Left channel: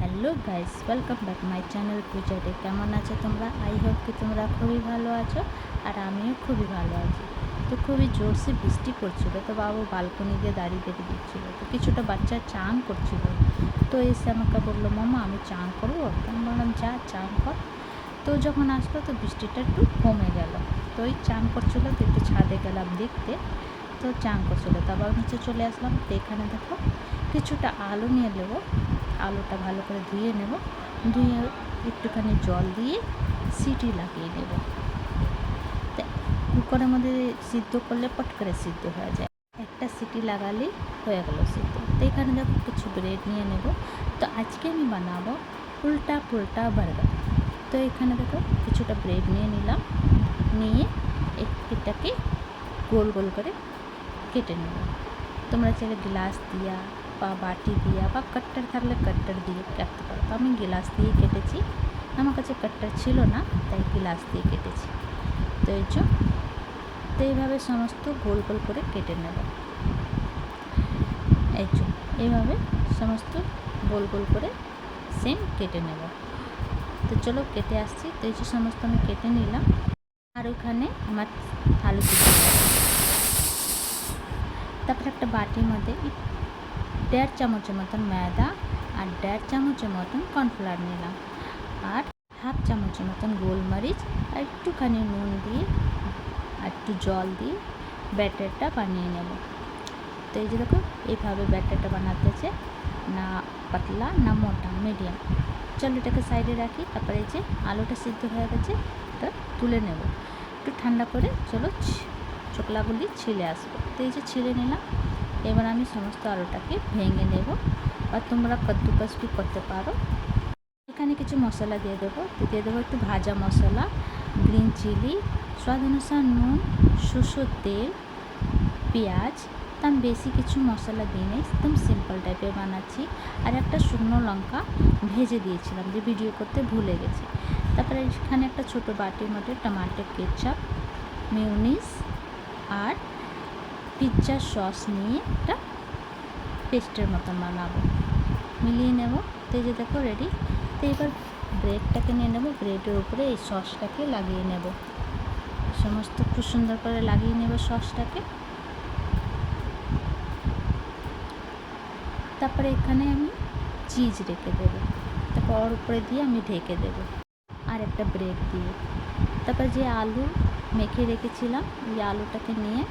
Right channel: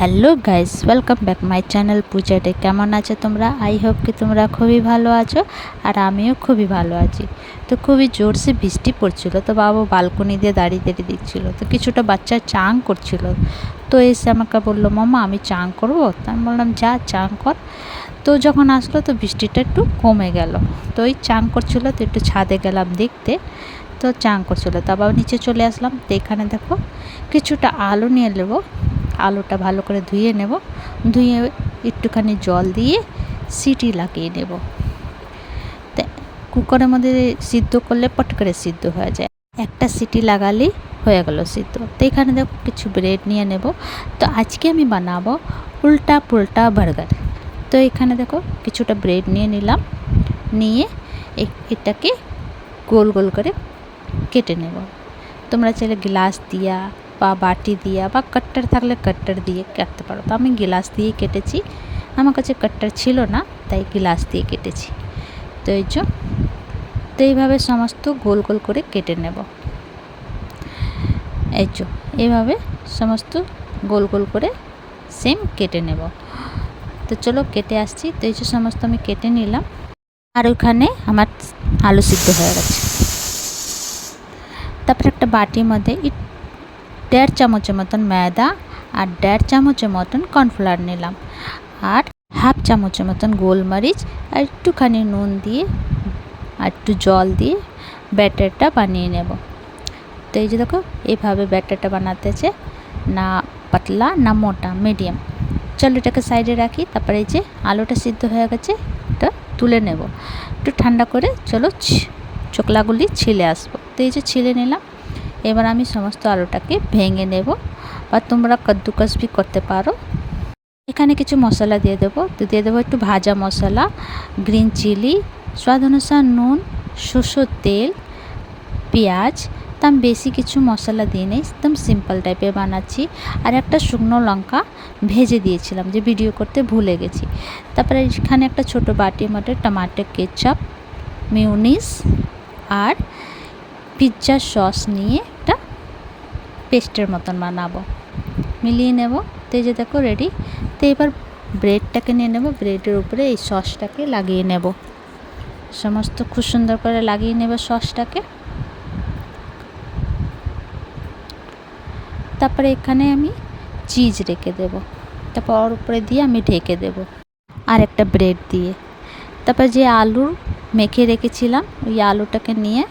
Hello guys, welcome back my channel পূজাটে। কেমন আছো তোমরা? আই হোপ কি তোমরা খুবই ভালো আছো, আর আমিও খুবই ভালো আছি। তো খুবই জোরসে বৃষ্টি পড়ছিল, তো বাবা বালকনি দিয়ে দাঁড়িয়ে দাঁড়িয়ে দেখছিল। তো কিছুটা বাচ্চা চান করছিল, তো এসে আমাকে বললো, মামা আমি চান করবো। তা আমি বললাম যা চান কর। তো যখন আসলো তো বৃষ্টিটা একটু কমে গেল। তো ওই চান করছিল, তো একটু ছাদে গেলাম দেখতে। তো চান করছিল, তো আবার নিচে চলে আসলাম। তো এখানে দেখো কিছুটা আলু নিয়ে নেবো। আলুটা ভালো করে ধুয়ে নেব, ধুয়ে একটুখানি জল দিয়ে সিটি লাগিয়ে নেব। তো কুকারের মধ্যে সিদ্ধ করলে পট করে সিদ্ধ হয়ে যায়, একটা সিটি লাগালেই হয়ে গেল সিদ্ধ। তো এখানে দেখো কিছু ব্রেড নিয়ে নেব। তো আজকে আমি বানাবো উল্টা পুল্টা বার্গার। তো এখানে দেখো কিছুটা ব্রেড নিয়ে নিলাম, নিয়ে এটাকে গোল গোল করে কেটে নেব। তোমরা চাইলে গ্লাস দিয়া বা বাটি দিয়া বা কাট্টার থাকলে কাট্টার দিয়ে কাটতে পারো। তো আমি গ্লাস দিয়ে কেটেছি, আমার কাছে কাট্টার ছিল না, তাই গ্লাস দিয়ে কেটেছি। তো তো এইভাবে সমস্ত গোল গোল করে কেটে নেব। এইভাবে সমস্ত গোল গোল করে সেম কেটে নেব। তো চলো কেটে আসছি। তো সমস্ত আমি কেটে নিলাম, আর ওখানে আমার আলু সিদ্ধ হয়ে গেছে। তারপর একটা বাটির মধ্যে 1.5 চামচের মতন ময়দা আর 1.5 চামচের মতন কর্নফ্লাওয়ার নিলাম, আর 1/2 চামচের মতন গোলমরিচ আর একটুখানি নুন দিয়ে আর একটু জল দিয়ে ব্যাটারটা বানিয়ে নেব। তো এই যে দেখো এইভাবে ব্যাটারটা বানাতেছে, না পাতলা না মোটা, মিডিয়াম। চলো এটাকে সাইডে রাখি। তারপরে এই যে আলুটা সিদ্ধ হয়ে গেছে, এটা তুলে নেব। একটু ঠান্ডা করে চলো চোকলাগুলি ছিলে আসবো। তো এই যে ছিলে নিলাম। এবার আমি সমস্ত আলুটাকে ভেঙে নেব, বা তোমরা কদ্দুকস भी করতে পারো। এখানে কিছু মশলা দিয়ে দেবো। তো দিয়ে দেবো একটু ভাজা মশলা, গ্রিন চিলি, স্বাদ অনুসার নুন, সরষের তেল, পেঁয়াজ। তো আমি বেশি কিছু মশলা দিয়ে নেই, একদম সিম্পল টাইপের বানাচ্ছি। আর একটা শুকনো লঙ্কা ভেজে দিয়েছিলাম, যে ভিডিও করতে ভুলে গেছি। তারপরে এখানে একটা ছোটো বাটির মধ্যে টমাটো কেচাপ, মিউনিস আর পিৎজা সস নিয়ে একটা পেস্টের মতন বানাবো, মিলিয়ে নেব। তো এই যে দেখো রেডি। তো এবার ব্রেডটাকে নিয়ে নেব, ব্রেডের উপরে এই সসটাকে লাগিয়ে নেব, সমস্ত খুব সুন্দর করে লাগিয়ে নেব সসটাকে। তারপরে এখানে আমি চিজ রেখে দেব, তারপর ওর উপরে দিয়ে আমি ঢেকে দেব আর একটা ব্রেড দিয়ে। তারপর যে আলু মেখে রেখেছিলাম, ওই আলুটাকে নিয়ে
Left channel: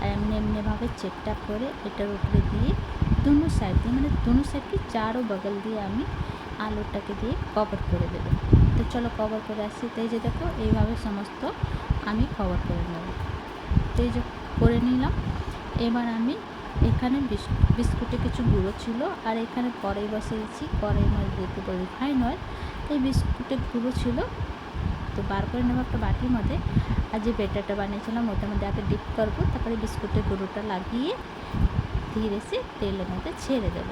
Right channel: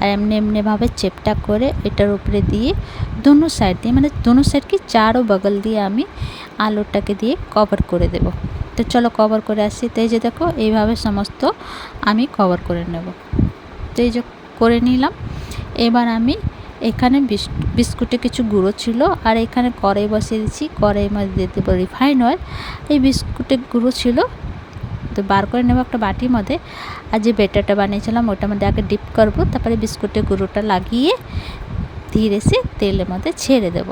আর এমনিভাবে চেপটা করে এটার উপরে দিয়ে दोनों সাইড দিয়ে, মানে दोनों সাইড কি চারো বগল দিয়ে আমি আলুটাকে দিয়ে কভার করে দেব। তো চলো কভার করে আসি। তো এই যে দেখো এইভাবে সমস্ত আমি কভার করে নেব। তো এই যে করে নিলাম। এবার আমি এখানে বিস্কুটে কিছু গুঁড়ো ছিল, আর এখানে কড়াই বসিয়ে দিচ্ছি। কড়াইয়ের মধ্যে দিয়ে দেবো রিফাইন অয়েল। এই বিস্কুটের গুঁড়ো ছিল, তো বার করে নেব একটা বাটির মধ্যে। আর যে ব্যাটারটা বানিয়েছিলাম ওটার মধ্যে আগে ডিপ করব, তারপরে বিস্কুটের গুঁড়োটা লাগিয়ে ধীরে সে তেলের মধ্যে ছেড়ে দেব।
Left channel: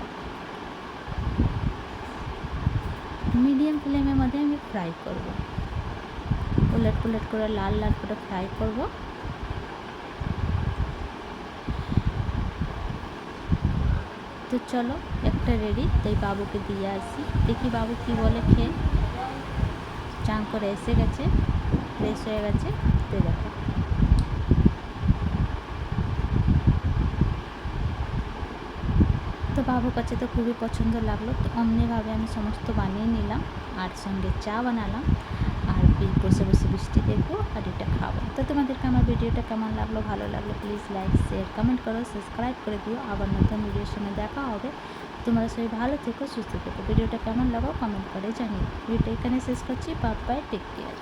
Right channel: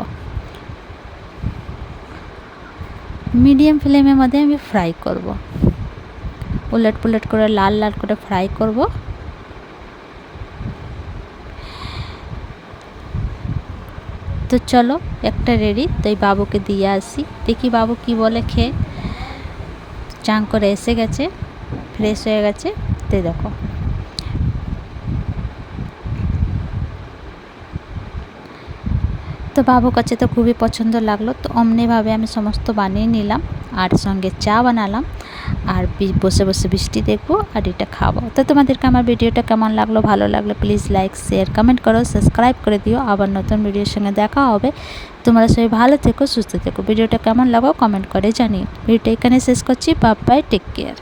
মিডিয়াম ফ্লেমের মধ্যে আমি ফ্রাই করব, উলট পুলট করে লাল লাল করে ফ্রাই করব। তো চলো একটা রেডি। তো এই বাবুকে দিয়ে আসি, দেখি বাবু কি বলে খেয়ে। চান করে এসে গেছে, ফ্রেশ হয়ে গেছে। তো দেখো তো বাবুর কাছে তো খুবই পছন্দ লাগলো। তো অমনিভাবে আমি সমস্ত বানিয়ে নিলাম, আর সঙ্গে চা বানালাম, আর বসে বসে বৃষ্টি দেখবো আর এটা খাবো। তো তোমাদেরকে আমার ভিডিওটা কেমন লাগলো, ভালো লাগলো প্লিজ লাইক শেয়ার কমেন্ট করো, সাবস্ক্রাইব করে দিও। আবার নতুন ভিডিওর সঙ্গে দেখা হবে। তোমরা সবাই ভালো থেকো, সুস্থ থেকো। ভিডিওটা কেমন লাগো কমেন্ট করে জানিও। ভিডিওটা এখানে শেষ করছি। Bye bye, take care.